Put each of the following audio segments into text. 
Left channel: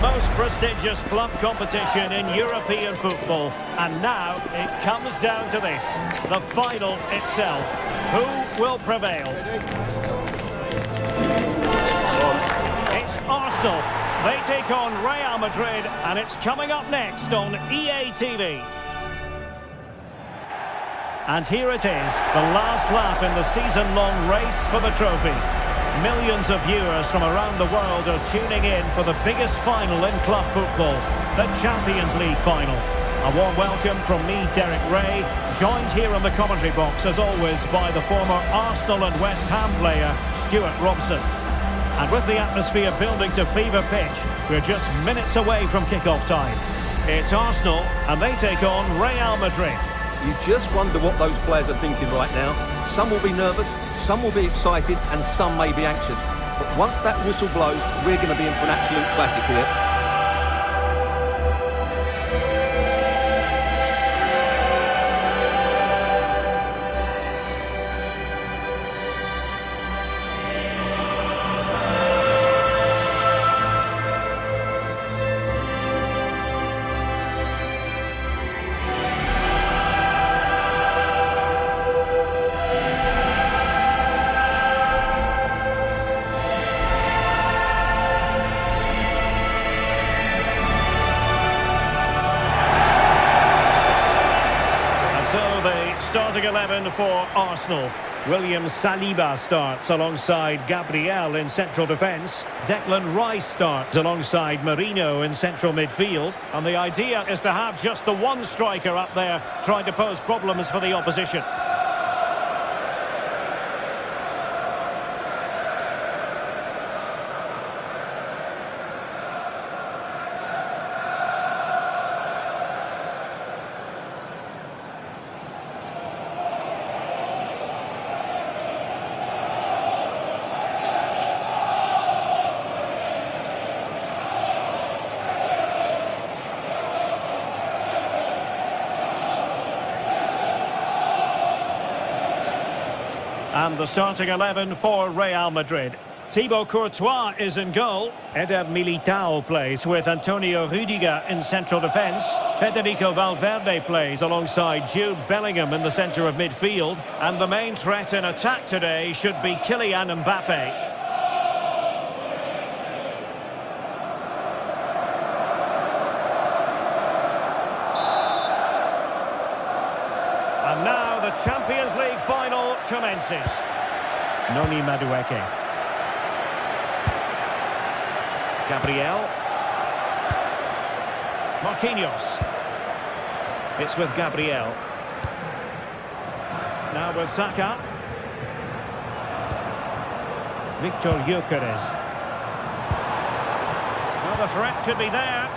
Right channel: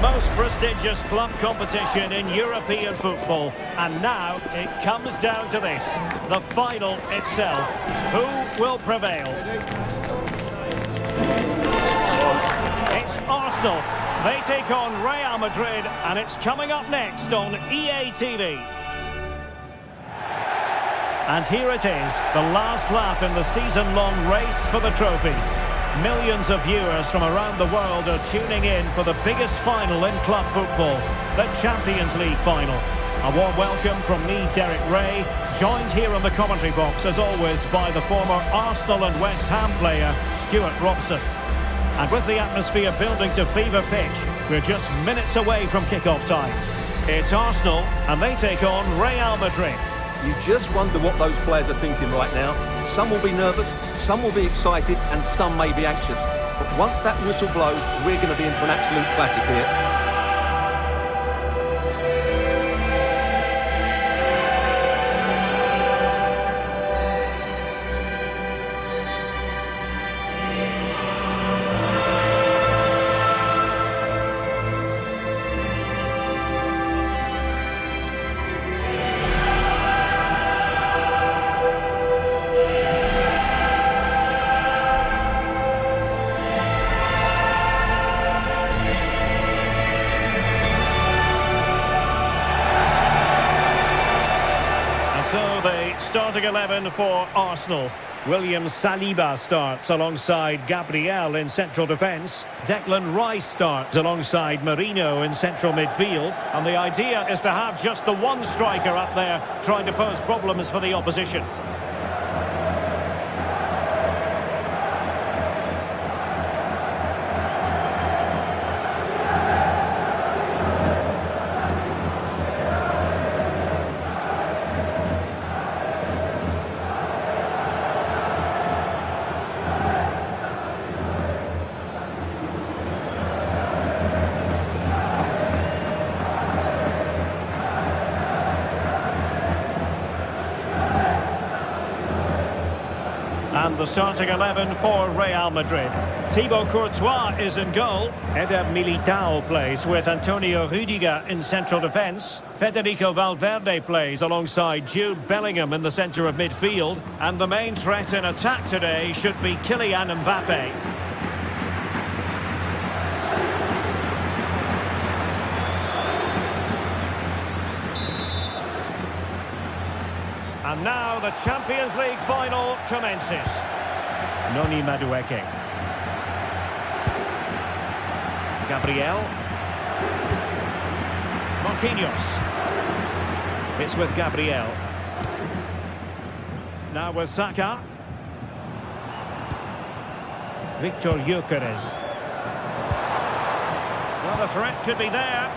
most prestigious club competition in European football. And now it comes down to this, the final itself. Who will prevail? It's Arsenal. They take on Real Madrid, and it's coming up next on EA TV. And here it is, the last lap in the season-long race for the trophy. Millions of viewers from around the world are tuning in for the biggest final in club football, the Champions League final. A warm welcome from me, Derek Ray, joined here in the commentary box, as always, by the former Arsenal and West Ham player, Stuart Robson. And with the atmosphere building to fever pitch, we're just minutes away from kick-off time. It's Arsenal, and they take on Real Madrid. You just wonder what those players are thinking right now. Some will be nervous, some will be excited, and some may be anxious. But once that whistle blows, we're going to be in for an absolute classic here. So the starting 11 for Arsenal. William Saliba starts alongside Gabriel in central defence. Declan Rice starts alongside Marino in central midfield. And the idea is to have just the one striker up there trying to pose problems for the opposition. And the starting 11 for Real Madrid. Thibaut Courtois is in goal. Eder Militao plays with Antonio Rüdiger in central defence. Federico Valverde plays alongside Jude Bellingham in the centre of midfield. And the main threat in attack today should be Kylian Mbappe. And now the Champions League final commences. Noni Madueke. Gabriel. Marquinhos. It's with Gabriel. Now with Saka. Victor Gyökeres. Well, the threat could be there.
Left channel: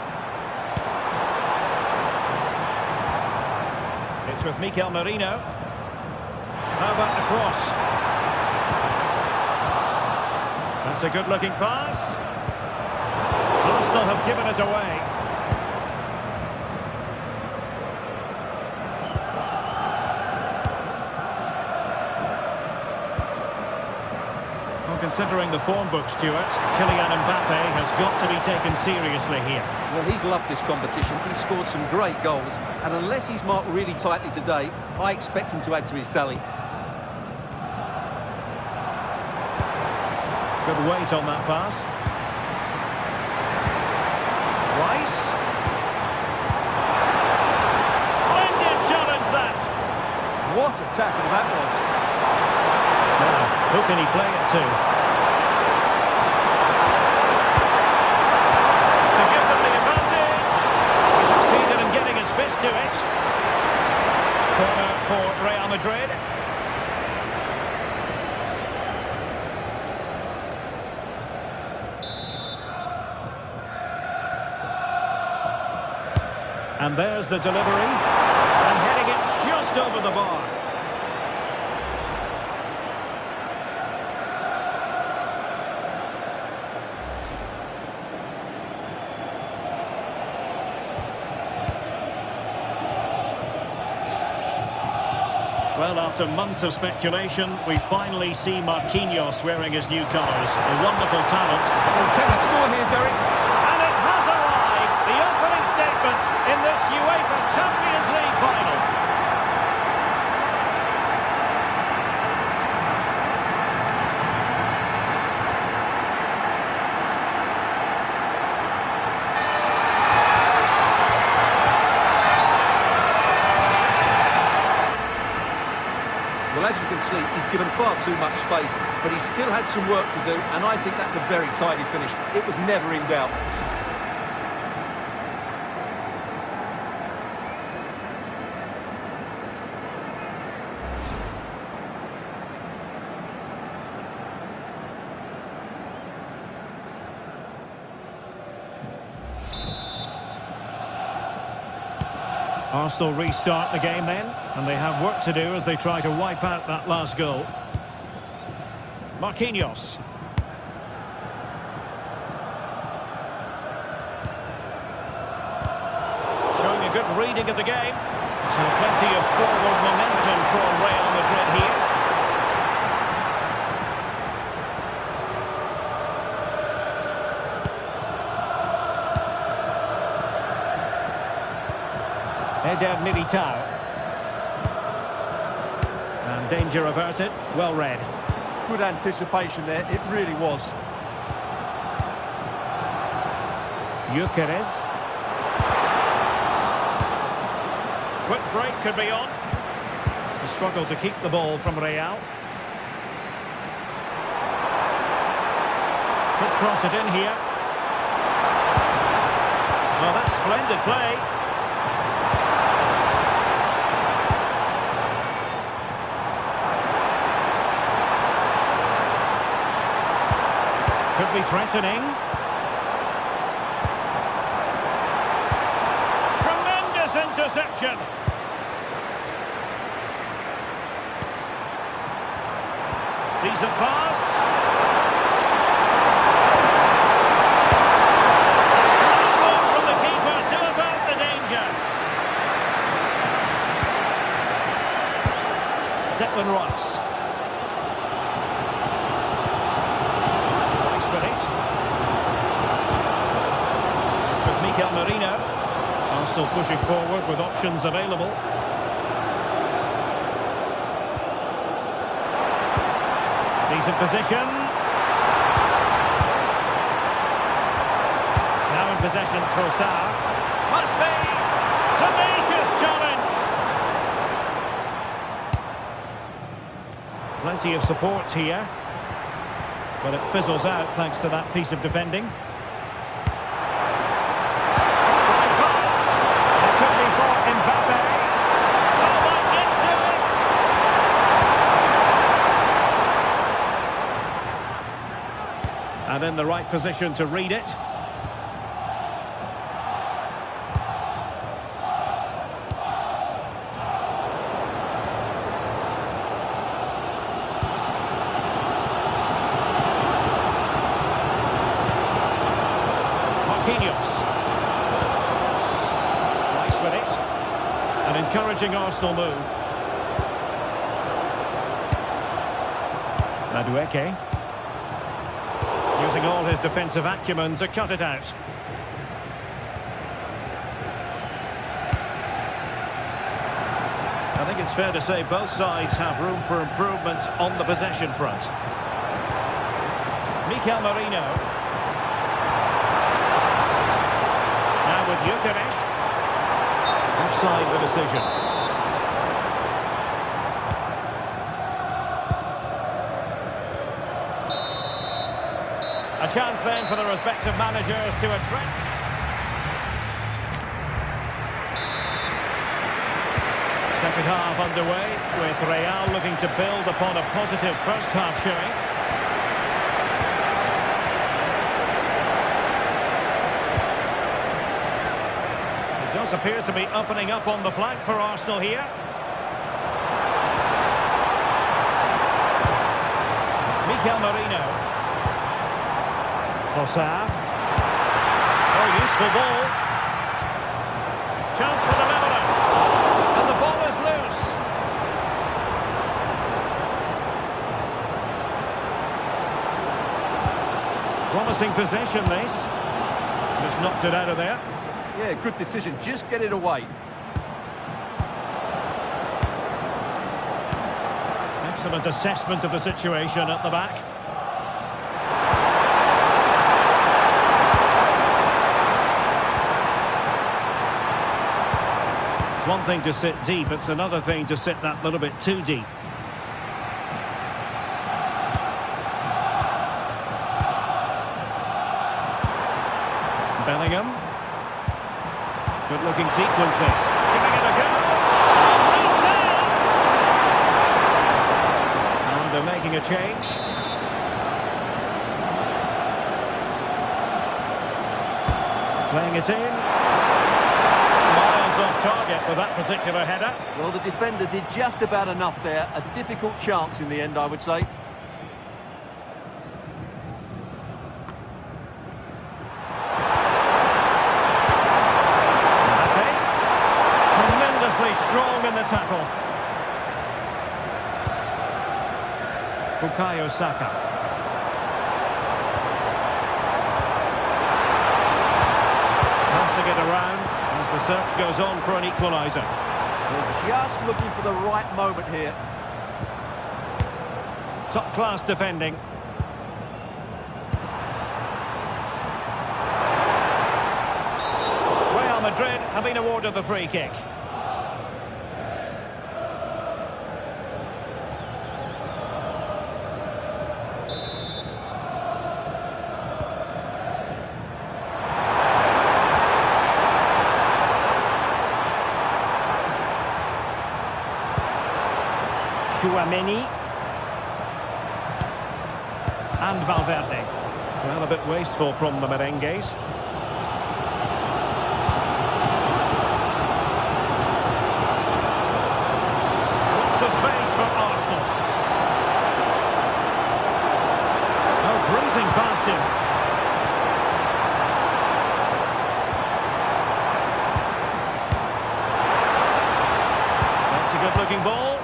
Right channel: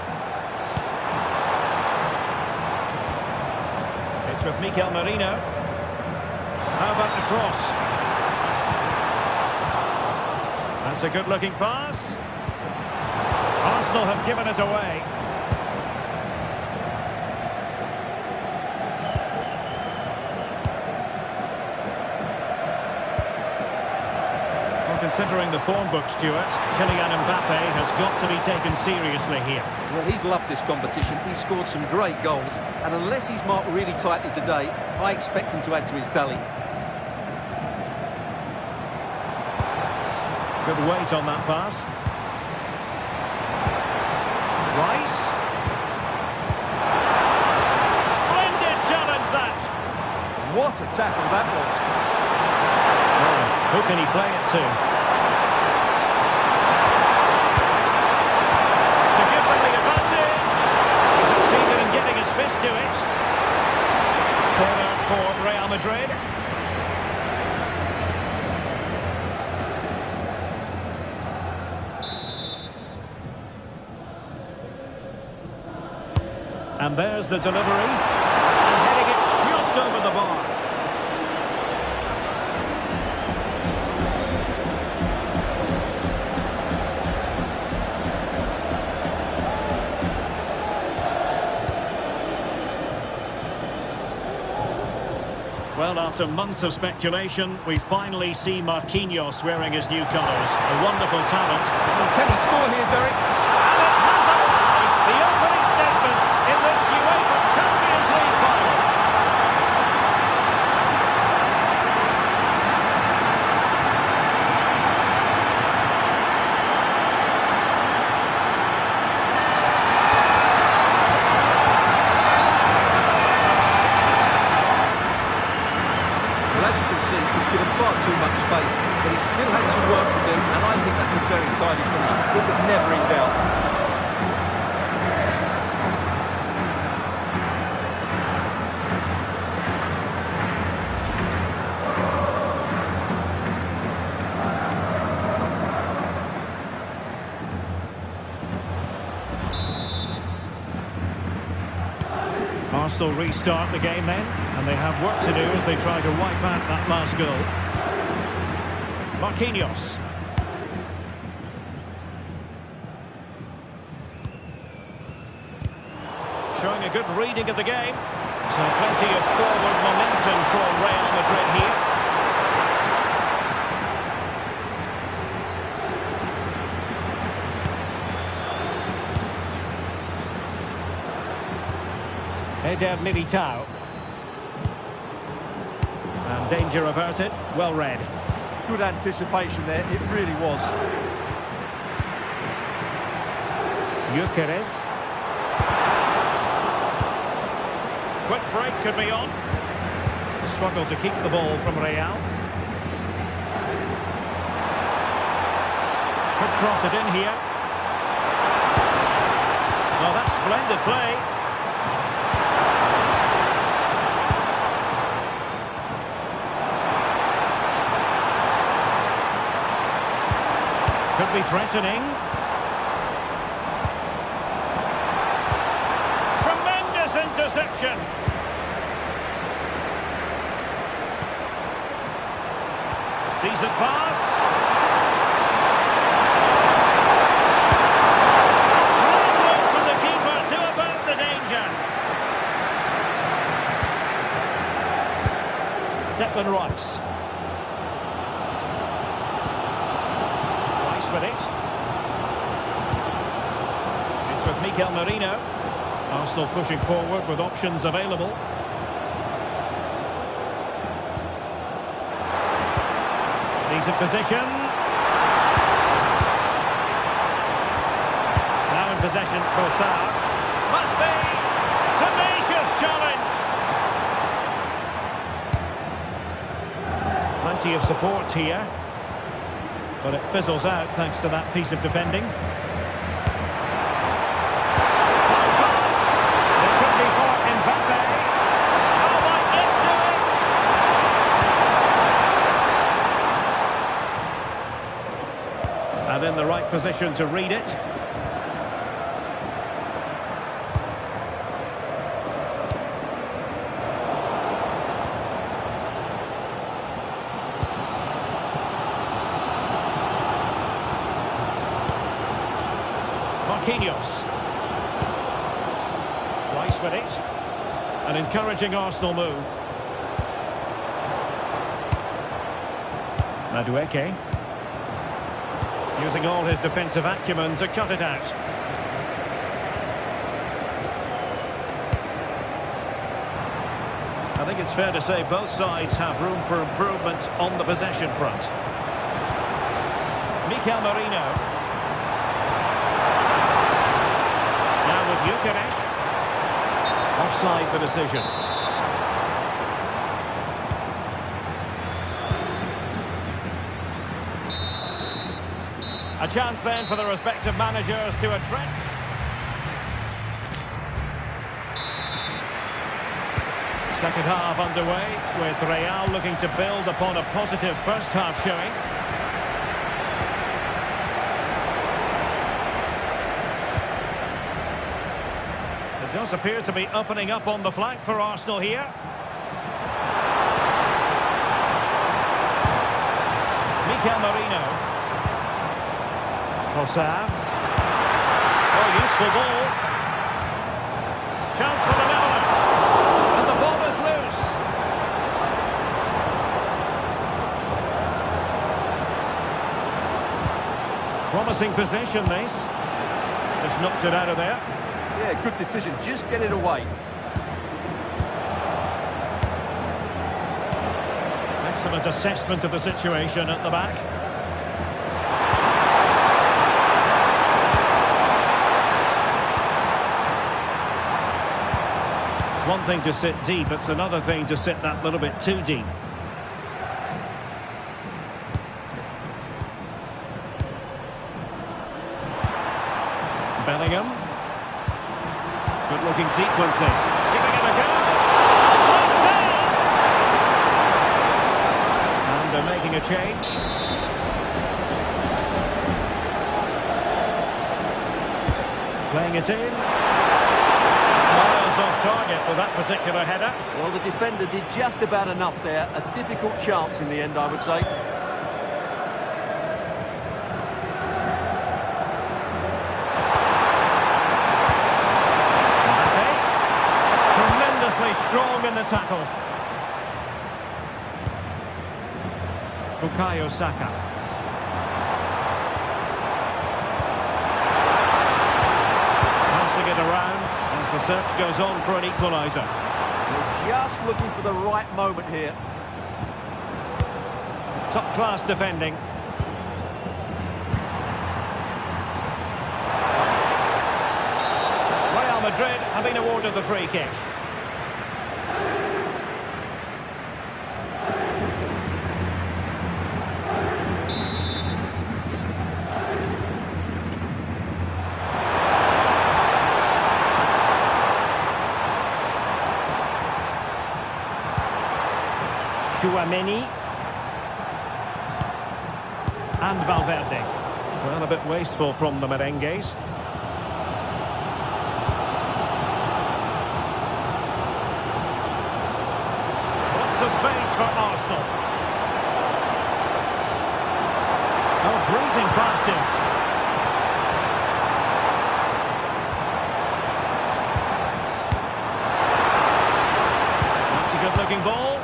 It's with Mikel Merino. How about the cross? That's a good-looking pass. Arsenal have given it away. Well, considering the form book, Stuart, Kylian Mbappe has got to be taken seriously here. Well, he's loved this competition. He's scored some great goals. And unless he's marked really tightly today, I expect him to add to his tally. Good weight on that pass. Rice. Splendid challenge, that. What a tackle that was. Now, who can he play it to? To give them the advantage. He succeeded in getting his fist to it. Corner for Real Madrid. And there's the delivery. And heading it just over the bar. Well, after months of speculation, we finally see Marquinhos wearing his new colours. A wonderful talent. Well, can he score here, Derek? And it has a Well, as you can see, he's given far too much space, but he still had some work to do, and I think that's a very tidy finish. It was never in doubt. Arsenal restart the game then, and they have work to do as they try to wipe out that last goal. Marquinhos. Showing a good reading of the game. So plenty of forward momentum for Real Madrid here. Eder Militao. And danger averted. Well read. Good anticipation there, it really was. Gyökeres. Quick break could be on. A struggle to keep the ball from Real. Could cross it in here. Well, that's splendid play. Could be threatening. Tremendous interception. Decent pass. Great work from the keeper to avert the danger. Declan Rice. With it. It's with Mikel Merino. Arsenal pushing forward with options available. Decent position. Now in possession, Trossard. Must be! Tenacious challenge! Plenty of support here. But it fizzles out thanks to that piece of defending. Fine pass. It could be for Mbappe. Oh, might get to it. And in the right position to read it. Marquinhos. Rice with it. An encouraging Arsenal move. Madueke. Using all his defensive acumen to cut it out. I think it's fair to say both sides have room for improvement on the possession front. Mikel Merino. Now with Gyökeres. Offside the decision. A chance then for the respective managers to address. Second half underway with Real looking to build upon a positive first half showing. It does appear to be opening up on the flank for Arsenal here. Mikel Merino. Trossard. Oh, useful ball. Chance for the leveller. And the ball is loose. Promising possession, this. Just knocked it out of there. Yeah, good decision. Just get it away. Excellent assessment of the situation at the back. It's one thing to sit deep, it's another thing to sit that little bit too deep. Bellingham. Good looking sequence this. Giving it a go. Oh, great save! And they're making a change. Playing it in. Miles off target with that particular header. Well, the defender did just about enough there. A difficult chance in the end, I would say. Strong in the tackle. Bukayo Saka. Passing it around as the search goes on for an equaliser. They're just looking for the right moment here. Top-class defending. Real Madrid have been awarded the free kick. Chouameni and Valverde. Well, a bit wasteful from the merengues. Lots of space for Arsenal. Oh, breezing past him. That's a good-looking ball.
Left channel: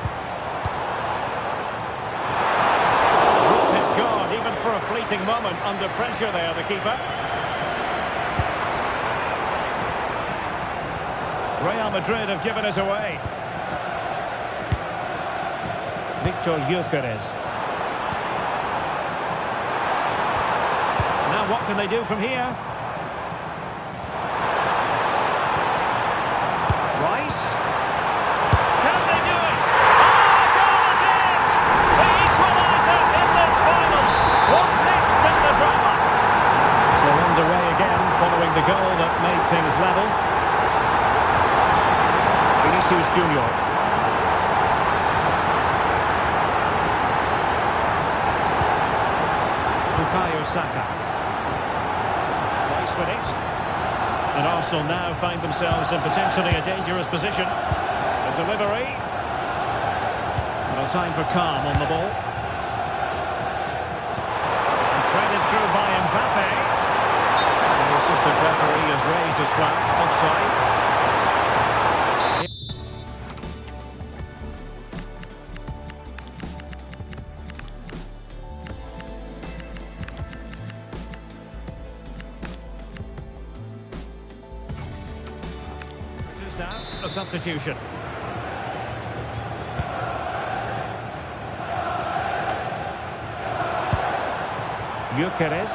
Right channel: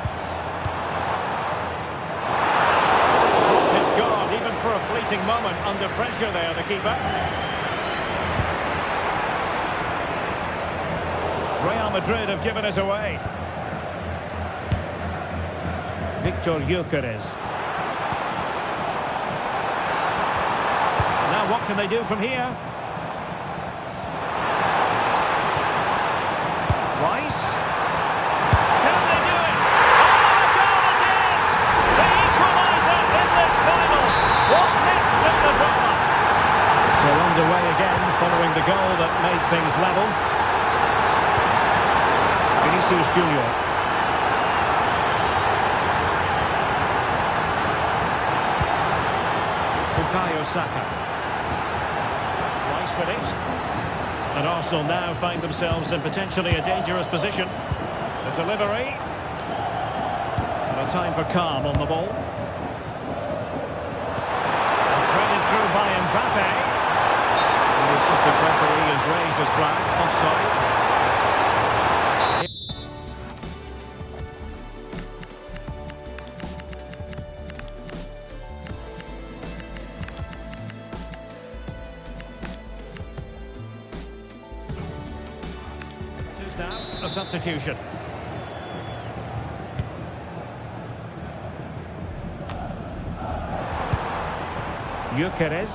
Even for a fleeting moment under pressure there, the keeper. Real Madrid have given us away. Victor Gyökeres. Now what can they do from here? Rice. Can they do it? Oh, a goal it is! The equaliser in this final. What next in the drama? So underway again following the goal that made things level. Vinicius Junior. Bukayo Saka. Rice with it. And Arsenal now find themselves in potentially a dangerous position. The delivery. And a time for calm on the ball. Threaded through by Mbappe. The assistant referee has raised his flag. Offside. It is now a substitution. Gyökeres.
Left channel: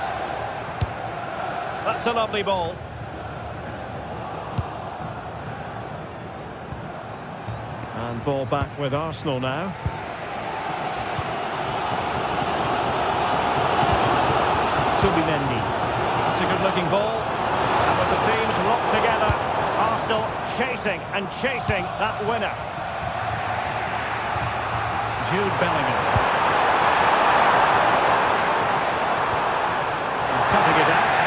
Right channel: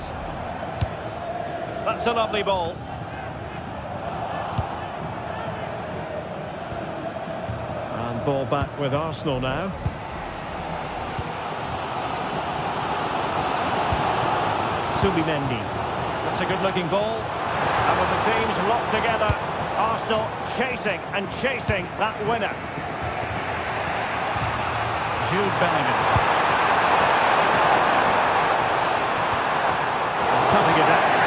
That's a lovely ball. And ball back with Arsenal now. Subimendi. That's a good-looking ball. And with the teams locked together, Arsenal chasing and chasing that winner. Jude Bellingham. Cutting it out.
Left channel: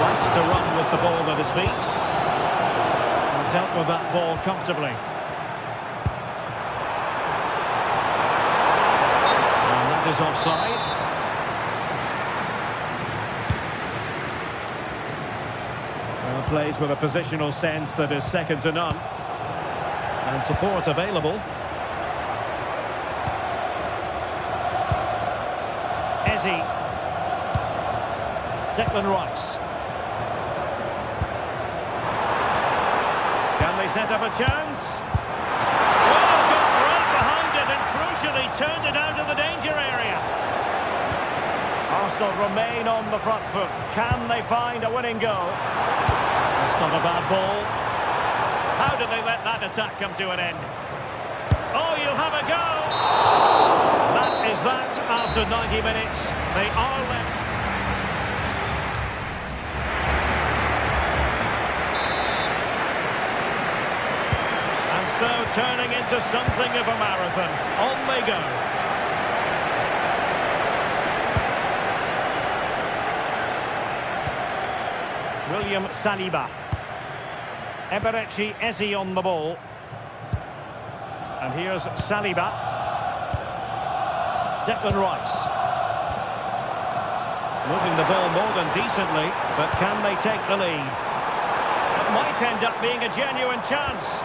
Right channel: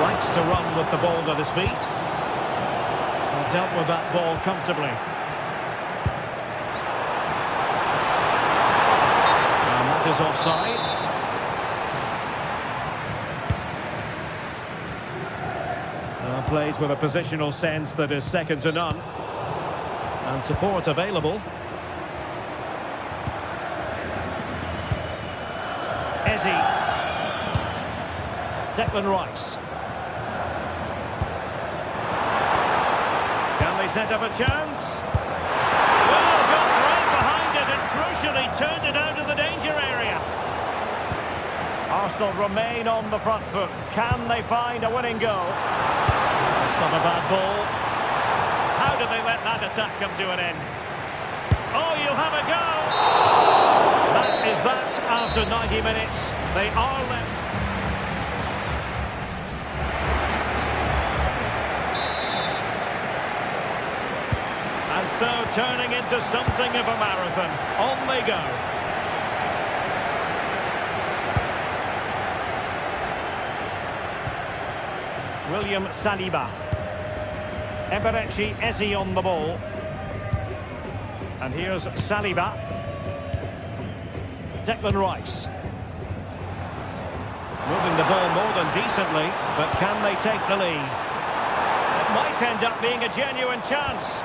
Likes to run with the ball at his feet. And dealt with that ball comfortably. And that is offside. Well, plays with a positional sense that is second to none. And support available. Eze. Declan Rice. Can they set up a chance? Well, got right behind it and crucially turned it out of the danger area. Arsenal remain on the front foot. Can they find a winning goal? That's not a bad ball. How do they let that attack come to an end? Oh, you'll have a go. That is that after 90 minutes. They are left. And so turning into something of a marathon. On they go. William Saliba. Eberechi Eze on the ball. And here's Saliba. Declan Rice. Moving the ball more than decently, but can they take the lead? It might end up being a genuine chance.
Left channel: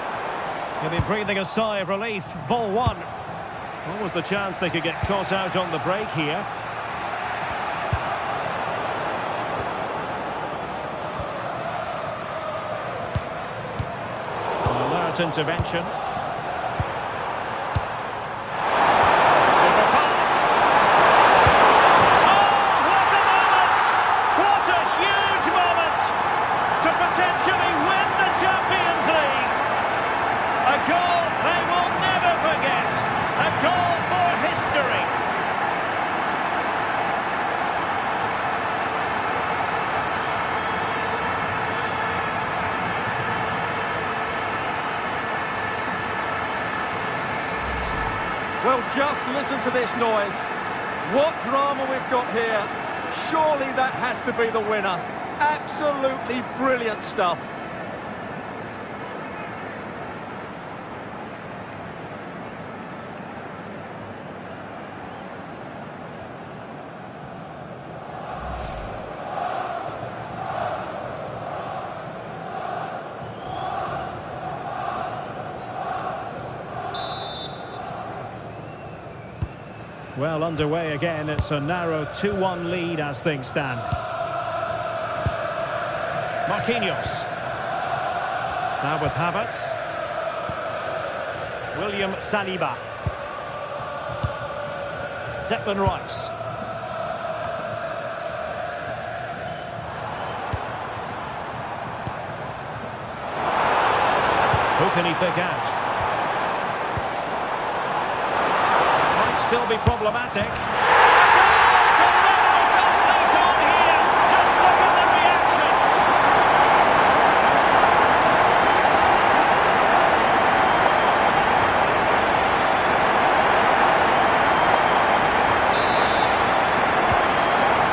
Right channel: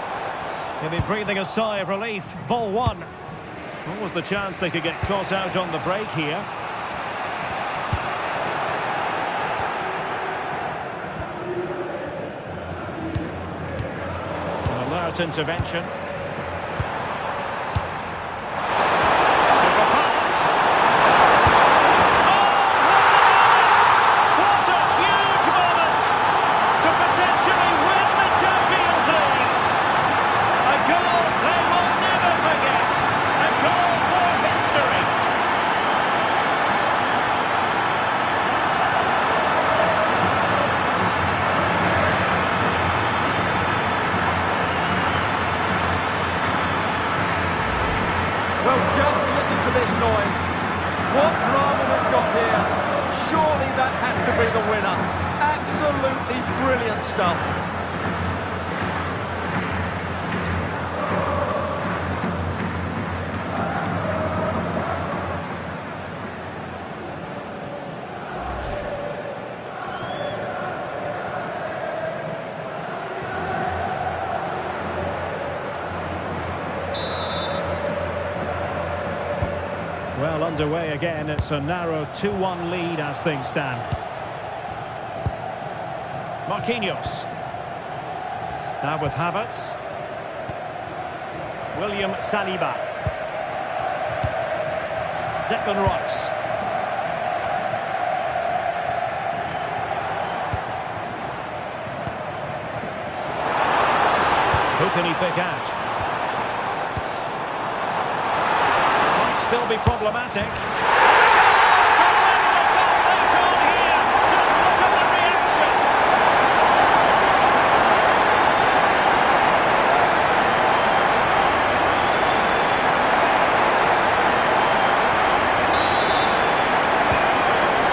He'll be breathing a sigh of relief. Ball one. What was the chance they could get caught out on the break here? An alert intervention. Super pass. Oh, what a moment! What a huge moment to potentially win the Champions League. A goal they will never forget. A goal for history. Well, just listen to this noise. What drama we've got here. Surely that has to be the winner. Absolutely brilliant stuff. Well, underway again. It's a narrow 2-1 lead as things stand. Marquinhos. Now with Havertz. William Saliba. Declan Rice. Who can he pick out? Still be problematic. A goal to level it up late on here. Just look at the reaction.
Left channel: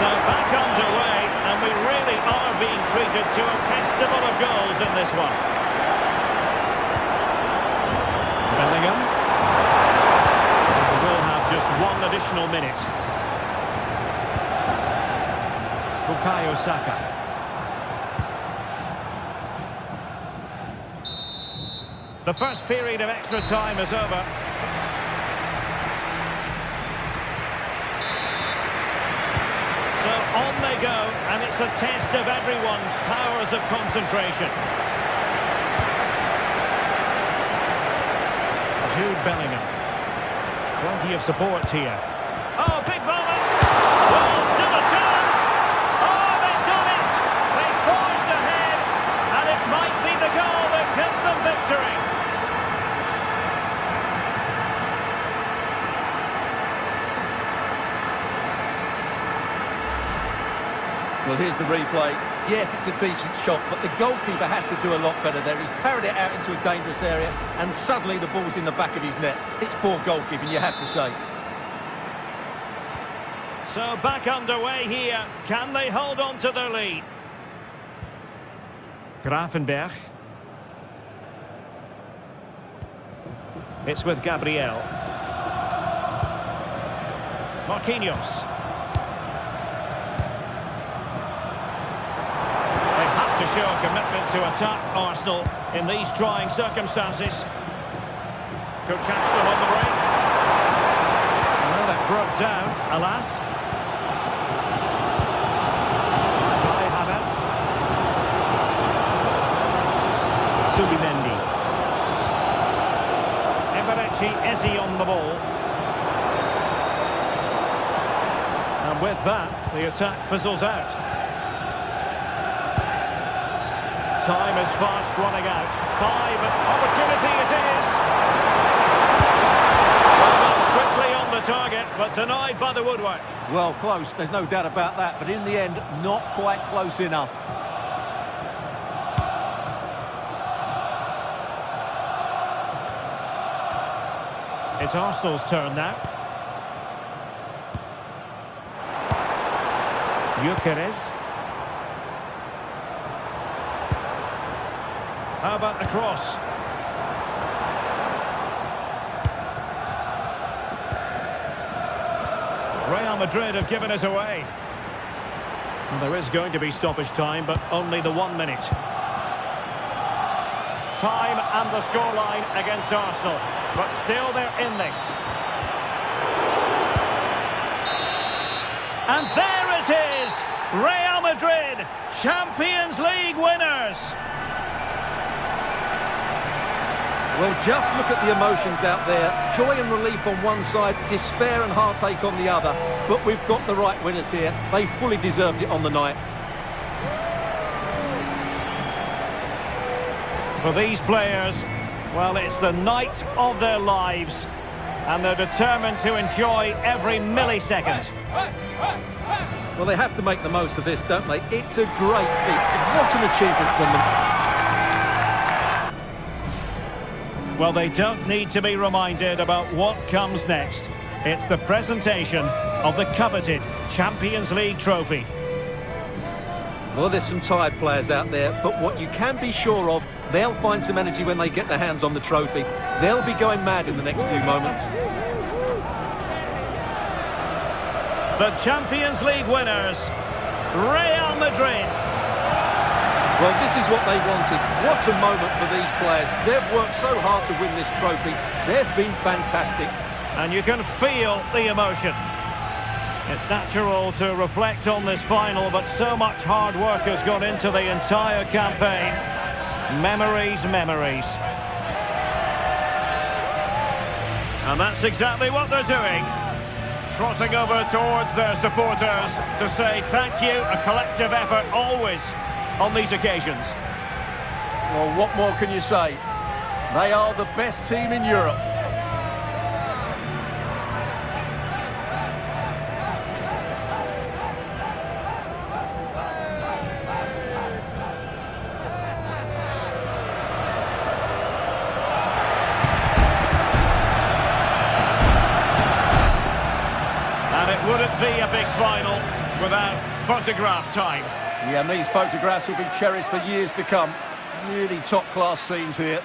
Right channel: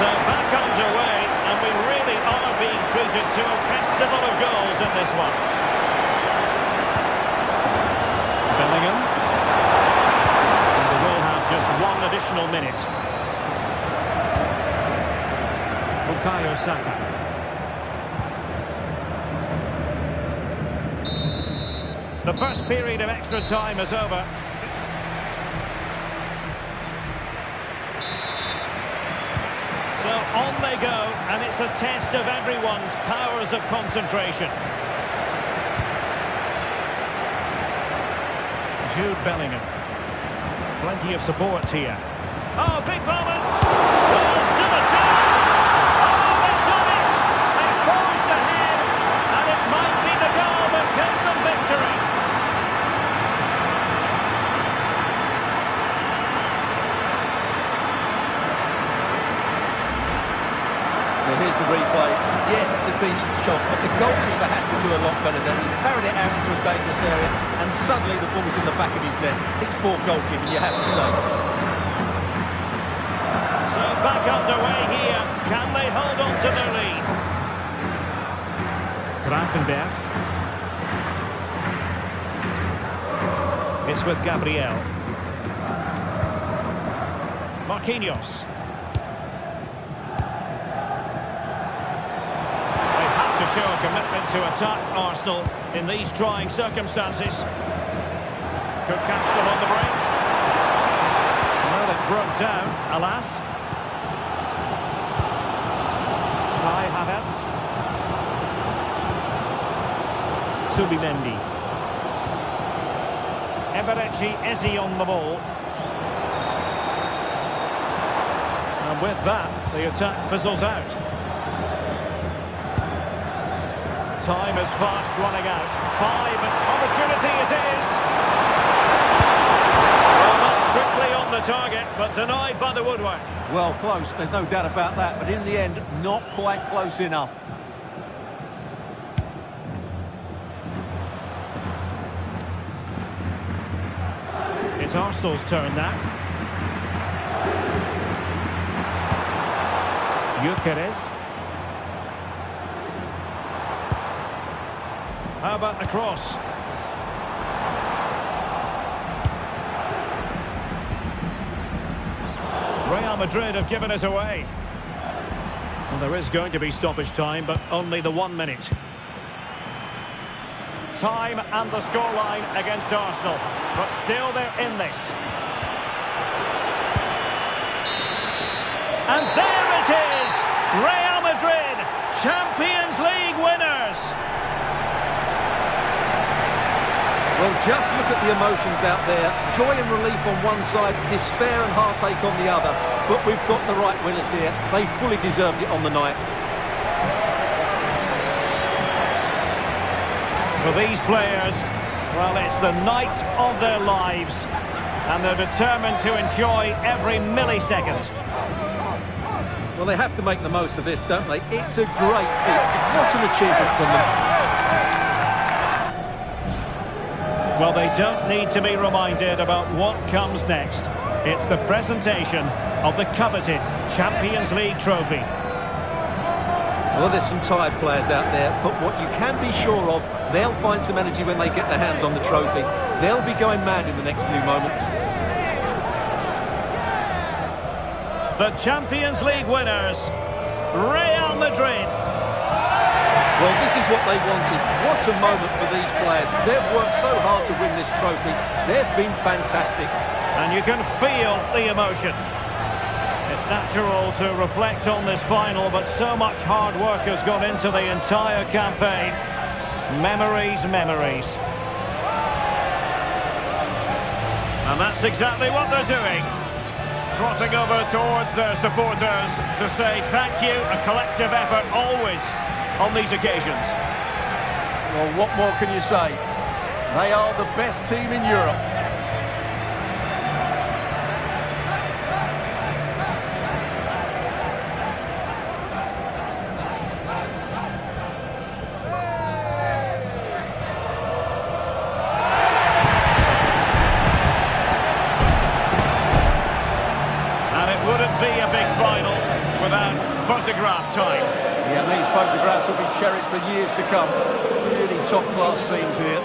So back underway, and we really are being treated to a festival of goals in this one. Bellingham. Will have just one additional minute. Bukayo Saka. The first period of extra time is over. So on they go, and it's a test of everyone's powers of concentration. Jude Bellingham. Plenty of support here. Oh, big moment! Well, still a chance! Oh, they've done it! They forged ahead, and it might be the goal that gives them victory. Well, here's the replay. Yes, it's a decent shot, but the goalkeeper has to do a lot better there. He's parried it out into a dangerous area, and suddenly the ball's in the back of his net. It's poor goalkeeping, you have to say. So back underway here. Can they hold on to their lead? Grafenberg. It's with Gabriel. Marquinhos. To show a commitment to attack Arsenal in these trying circumstances. Could catch them on the break. Well, it broke down, alas. Kai Havertz. Subimendi. Eberechi Eze on the ball. And with that, the attack fizzles out. Time is fast running out. 5, opportunity it is. Strictly on the target, but denied by the woodwork. Well, close, there's no doubt about that, but in the end, not quite close enough. It's Arsenal's turn now. Gyökeres. How about the cross? Real Madrid have given us away. Well, there is going to be stoppage time, but only the 1 minute. Time and the scoreline against Arsenal, but still they're in this. And there it is! Real Madrid, Champions League winners! Well, just look at the emotions out there. Joy and relief on one side, despair and heartache on the other. But we've got the right winners here. They fully deserved it on the night. For these players, well, it's the night of their lives, and they're determined to enjoy every millisecond. Well, they have to make the most of this, don't they? It's a great feat. What an achievement from them. Well, they don't need to be reminded about what comes next. It's the presentation of the coveted Champions League trophy. Well, there's some tired players out there, but what you can be sure of, they'll find some energy when they get their hands on the trophy. They'll be going mad in the next few moments. The Champions League winners, Real Madrid. Well, this is what they wanted. What a moment for these players. They've worked so hard to win this trophy. They've been fantastic. And you can feel the emotion. It's natural to reflect on this final, but so much hard work has gone into the entire campaign. Memories, memories. And that's exactly what they're doing. Trotting over towards their supporters to say thank you, a collective effort always on these occasions. Well, what more can you say? They are the best team in Europe. And it wouldn't be a big final without photograph time. Yeah, and these photographs will be cherished for years to come. Really top-class scenes here.